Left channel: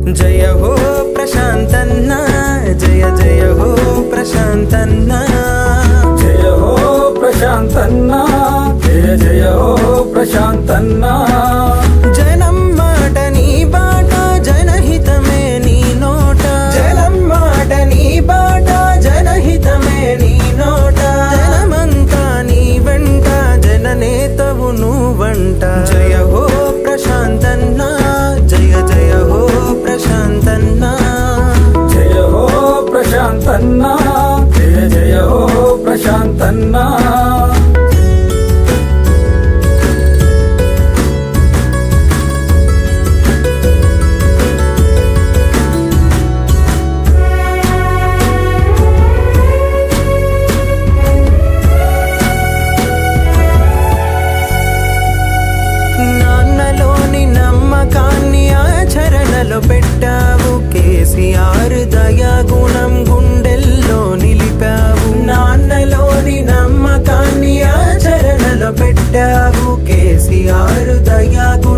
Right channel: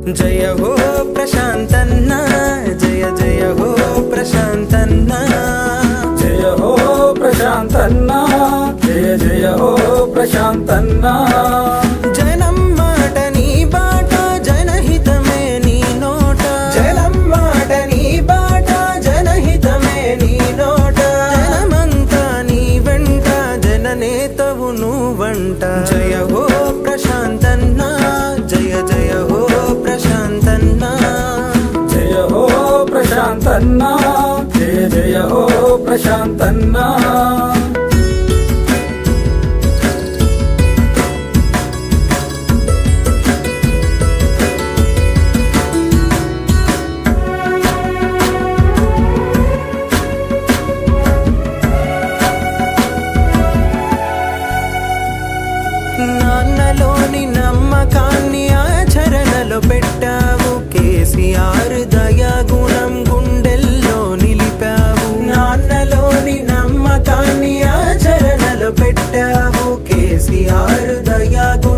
జయ హో ప్రశాంతన్న జయ జయ హో ప్రశాంతన్న. జయ హో ప్రశాంతన్న జయ జయ హో ప్రశాంతన్న. గుండెల్లో పెట్టావు. కేసీఆర్ దయాగుణం గుండెల్లో నిలిపావు. నాన్నలోని నమ్మకాన్ని ఆచరణలో పెట్టావు. కేసీఆర్ దయాగుణం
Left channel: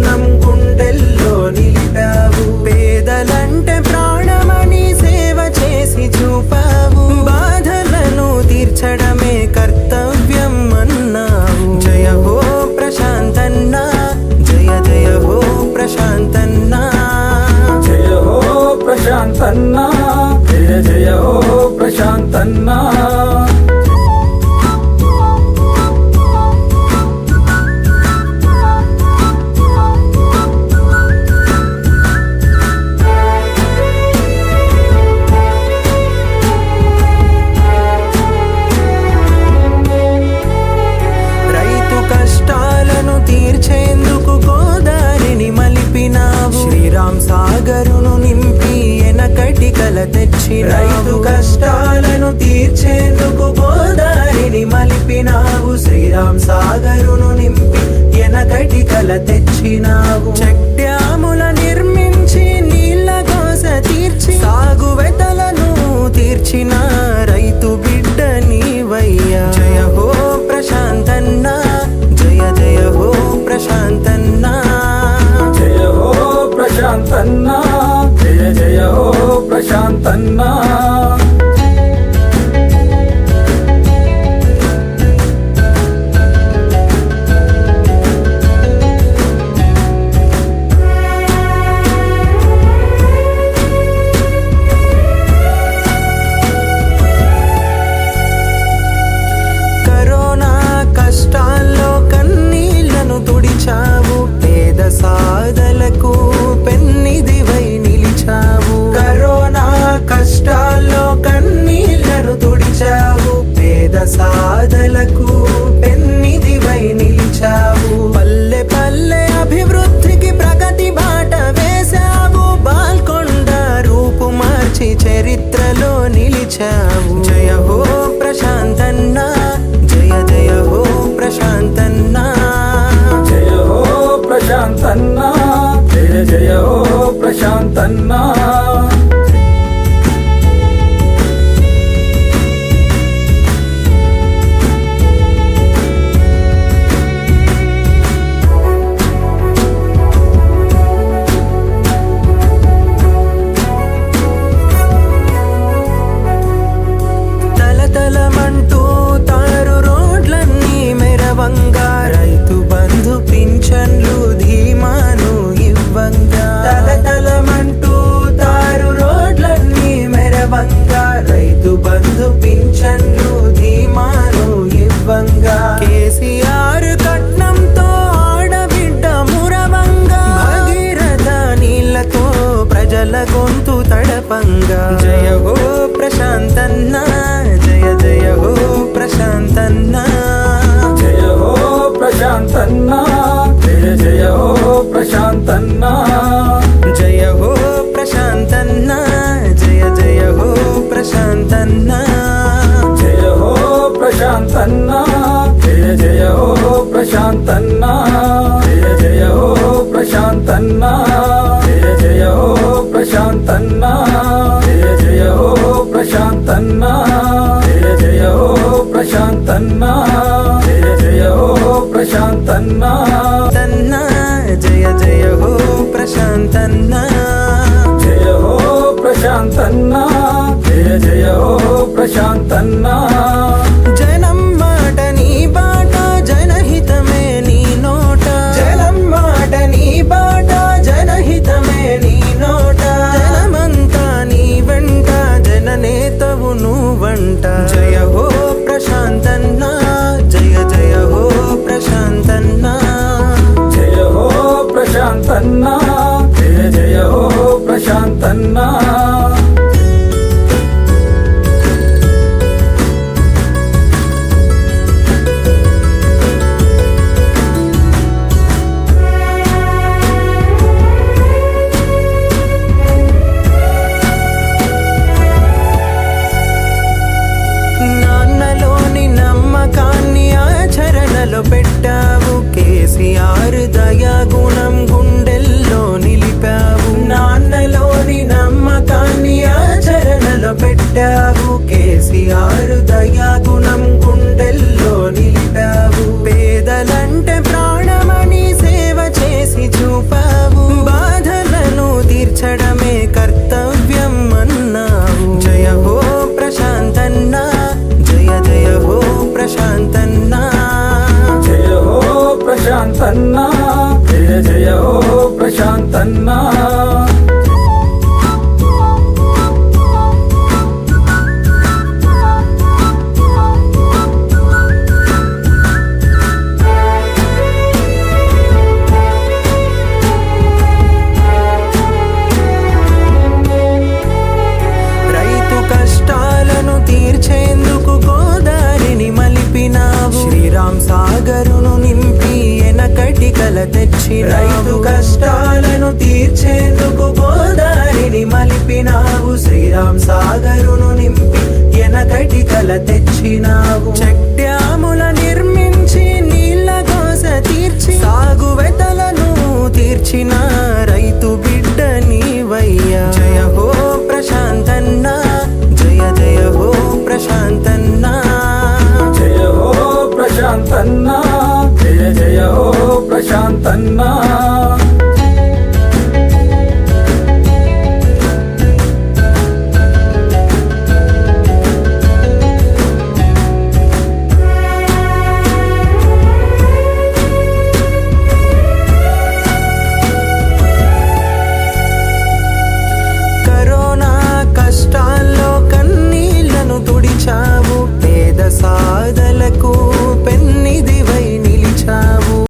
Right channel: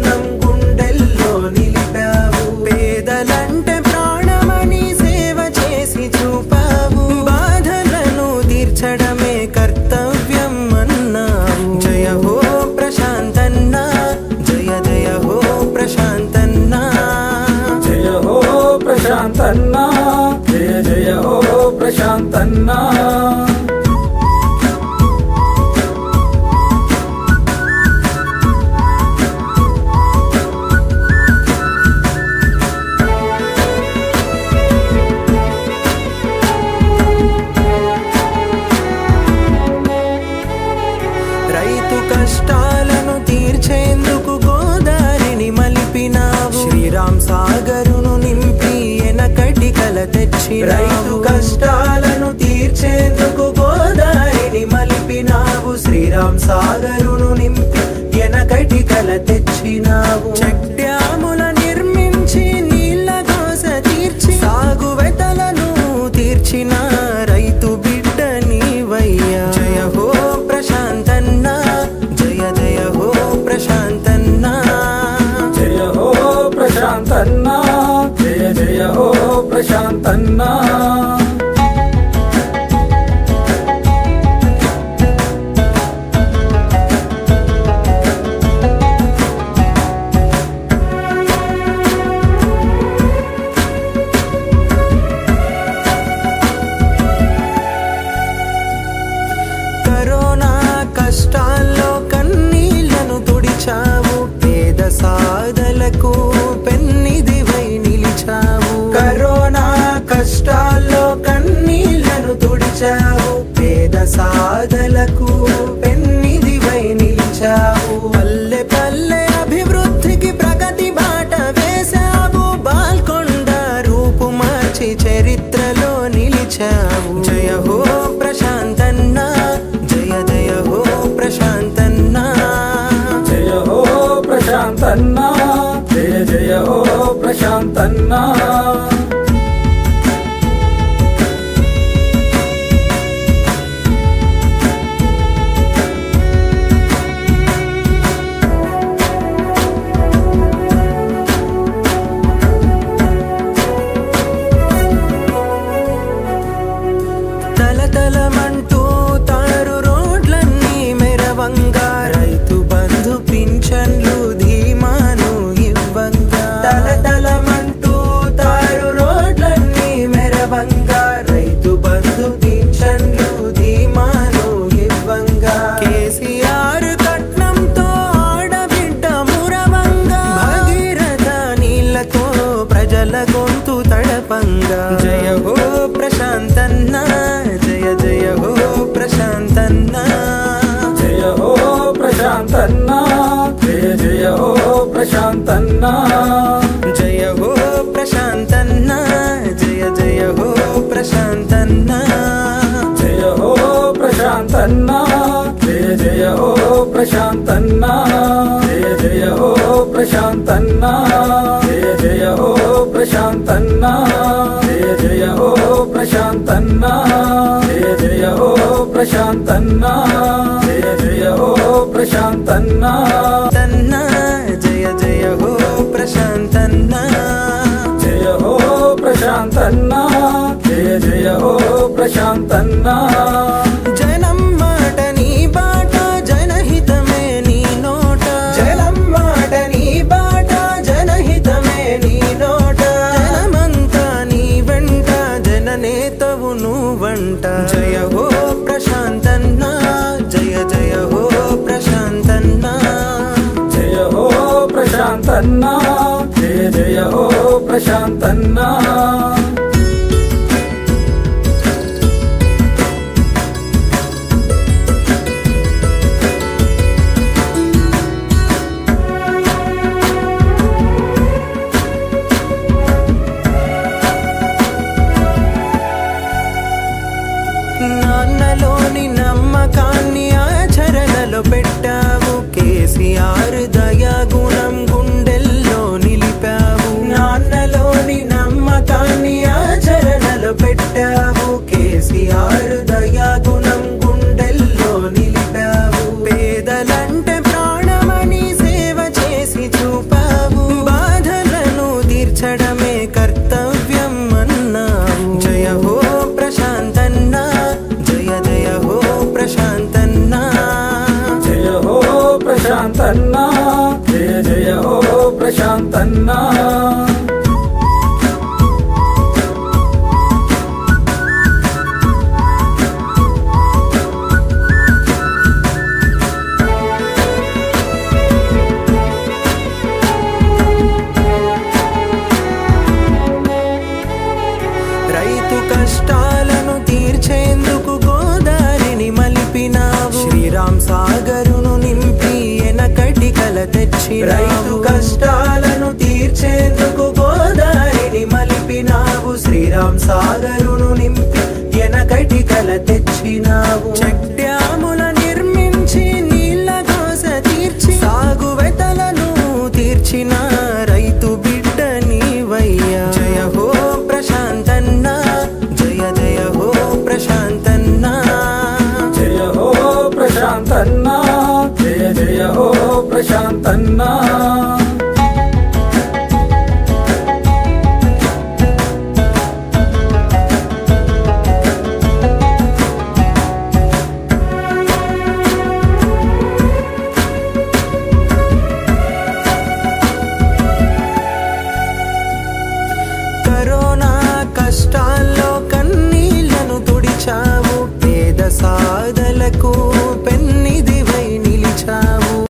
ప్రశాంతన్న. జయ జయ హో ప్రశాంతన్న. రైతు కష్టాలను తీర్చేందుకు గోదారిని మలిపినావు. శ్రీరామ్ సాగరును నింపి ఎనకటి కల తెచ్చి రైతు కష్టాలను తీర్చేందుకు గోదారిని మలిపినావు. శ్రీరామ్ సాగరును నింపి ఎనకటి కల తెచ్చినావు. చెక్ ప్రశాంతన్నా. కరోనా కష్టాల్లో కన్నీళ్ళను తుడిచావు పేద సాధలకు సాధలకు పెన్నిదివై నిలిచావు. పల్లె పల్లె అభివృద్ధికి ప్రగతి బాట వేశావు. బాల్కొండ రూపు మార్చి చరిత్రలో నిలిచావు. జయ హో ప్రశాంతన్నా జయ జయ హో ప్రశాంతన్నా. జయ హో ప్రశాంతన్నా జయ జయ హో ప్రశాంతన్నా. ప్రజల గొంతు తడపంగా. జయ హో ప్రశాంతన్న జయ జయ హో ప్రశాంతన్న. జయ హో ప్రశాంతన్న జయ జయ హో ప్రశాంతన్న. జయ హో ప్రశాంతన్న జయ జయ హో ప్రశాంతన్న. జయ హో ప్రశాంతన్న జయ జయ హో ప్రశాంతన్న జయ జయ హో ప్రశాంతన్న. జయ హో ప్రశాంతన్నా జయ జయ హో ప్రశాంతన్నా జయ జయ హో ప్రశాంతన్నా జయ జయ హో ప్రశాంతన్నా. తన్నా జయ జయ హో ప్రశాంతన్నా. జయ హో ప్రశాంతన్నా జయ జయ హో ప్రశాంతన్నా. ప్రశాంతన్నా. జయ జయ ఓ ప్రశాంతన్నా. నాన్నలోని నమ్మకాన్ని ఆచరణలో పెట్టావు. కేసీఆర్ దయా జయ జయ హో ప్రశాంతన్నా. రైతు కష్టాలను తీర్చేందుకు గోదారిని మలిపినావు. శ్రీరామ్ సాగరును నింపి ఎనకటి కల తెచ్చి రైతు కష్టాలను తీర్చేందుకు గోదారిని మలిపినావు. శ్రీరామ్ సాగరును నింపి ఎనకటి కల తెచ్చినావు. చెక్ డ్యాముల నిర్మించి నీళ్ళ దోస తీర్చి ప్రశాంతన్నా. కరోనా కష్టాల్లో కన్నీళ్ళను తుడిచావు పేద సాధలకు పెన్నిదివై నిలిచావు.